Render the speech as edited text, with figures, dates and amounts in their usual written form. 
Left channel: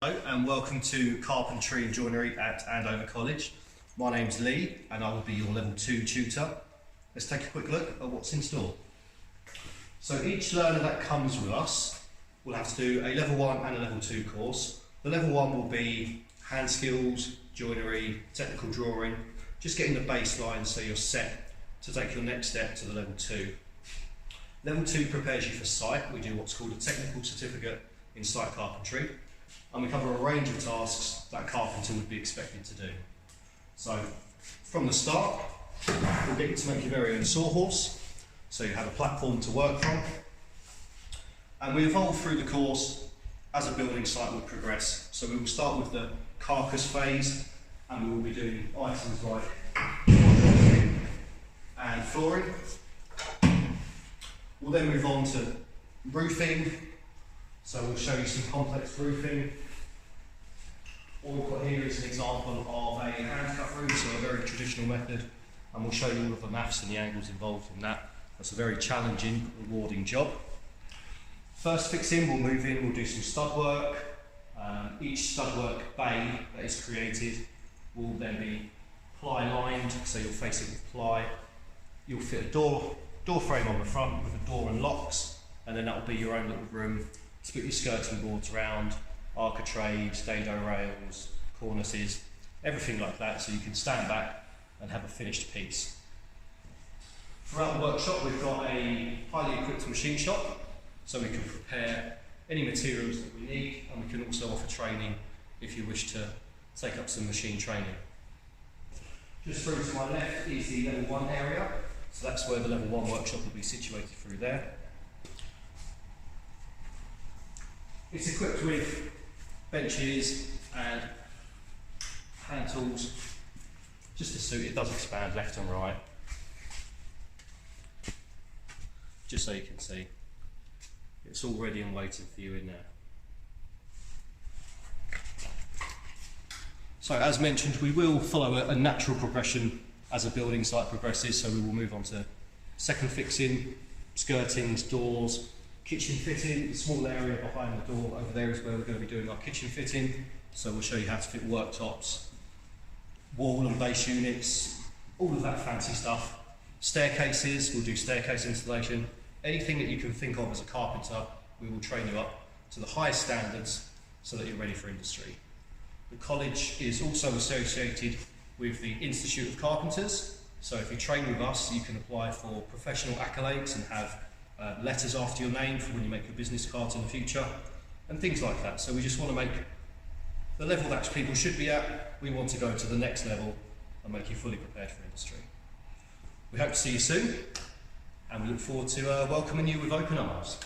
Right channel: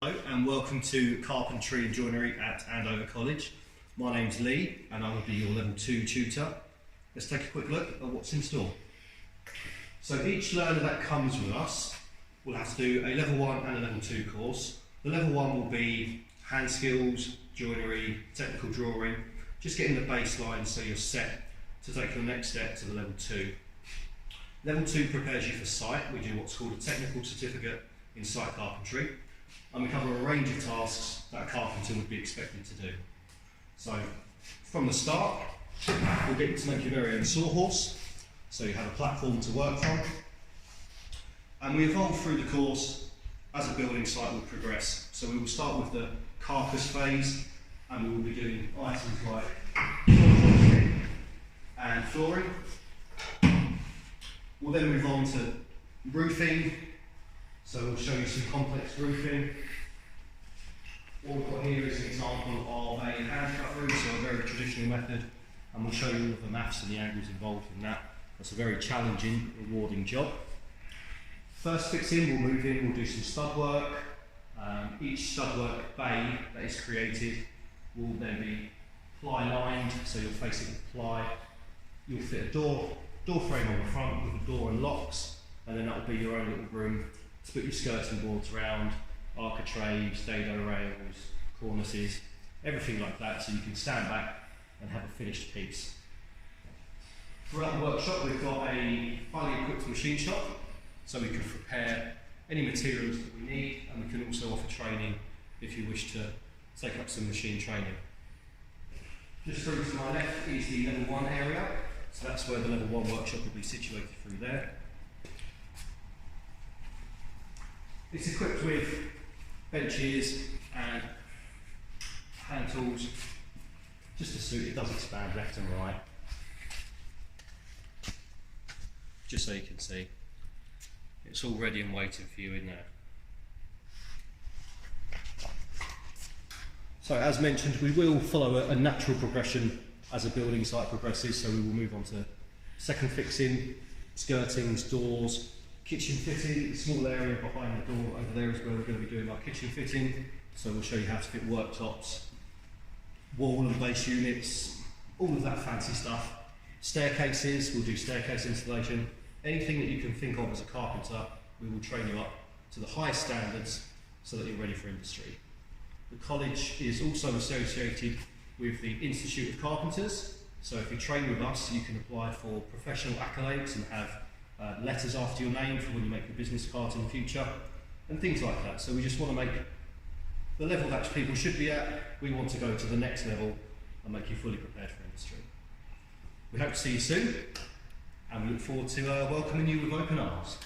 Hello and welcome to Carpentry and Joinery at Andover College. My name's Lee and I will be your level 2 tutor. Let's take a quick look at what's in store. So each learner that comes with us will have to do a level 1 and a level 2 course. The level 1 will be hand skills, joinery, technical drawing, just getting the baseline so you're set to take your next step to the level 2. Level 2 prepares you for site. We do what's called a technical certificate in site carpentry. And we cover a range of tasks that a carpenter would be expected to do. So, from the start, we'll get you to make your very own sawhorse, so you have a platform to work from. And we evolve through the course as a building site will progress. So we will start with the carcass phase, and we will be doing items like and flooring. We'll then move on to roofing. So we'll show you some complex roofing. All we've got here is an example of a hand cut roof, so a very traditional method, and we'll show you all of the maths and the angles involved in that. That's a very challenging, rewarding job. First fix in, we'll move in, we'll do some stud work. Each stud work bay that is created will then be ply lined, so you'll face it with ply. You'll fit a door frame on the front with a door and locks, and then that will be your own little room to put your skirting boards around, architraves, dado rails, cornices, everything like that, so you can stand back and have a finished piece. Throughout the workshop we've got a highly equipped machine shop, so we can prepare any materials that we need, and we can also offer training if you wish to take up some machine training. Just through to my left is the level 1 area, so that's where the level 1 workshop will be situated through there. It's equipped with benches and hand tools, just to suit it. Does expand left and right, just so you can see. It's all ready and waiting for you in there. So as mentioned, we will follow a natural progression as a building site progresses, so we will move on to second fixing, skirtings, doors, kitchen fitting. The small area behind the door over there is where we're going to be doing our kitchen fitting, so we'll show you how to fit worktops, wall and base units, all of that fancy stuff. Staircases, we'll do staircase installation. Anything that you can think of as a carpenter, we will train you up to the highest standards so that you're ready for industry. The college is also associated with the Institute of Carpenters, so if you train with us you can apply for professional accolades and have letters after your name for when you make your business cards in the future, and things like that. So we just want to make the level that people should be at, we want to go to the next level and make you fully prepared for industry. We hope to see you soon, and we look forward to welcoming you with open arms.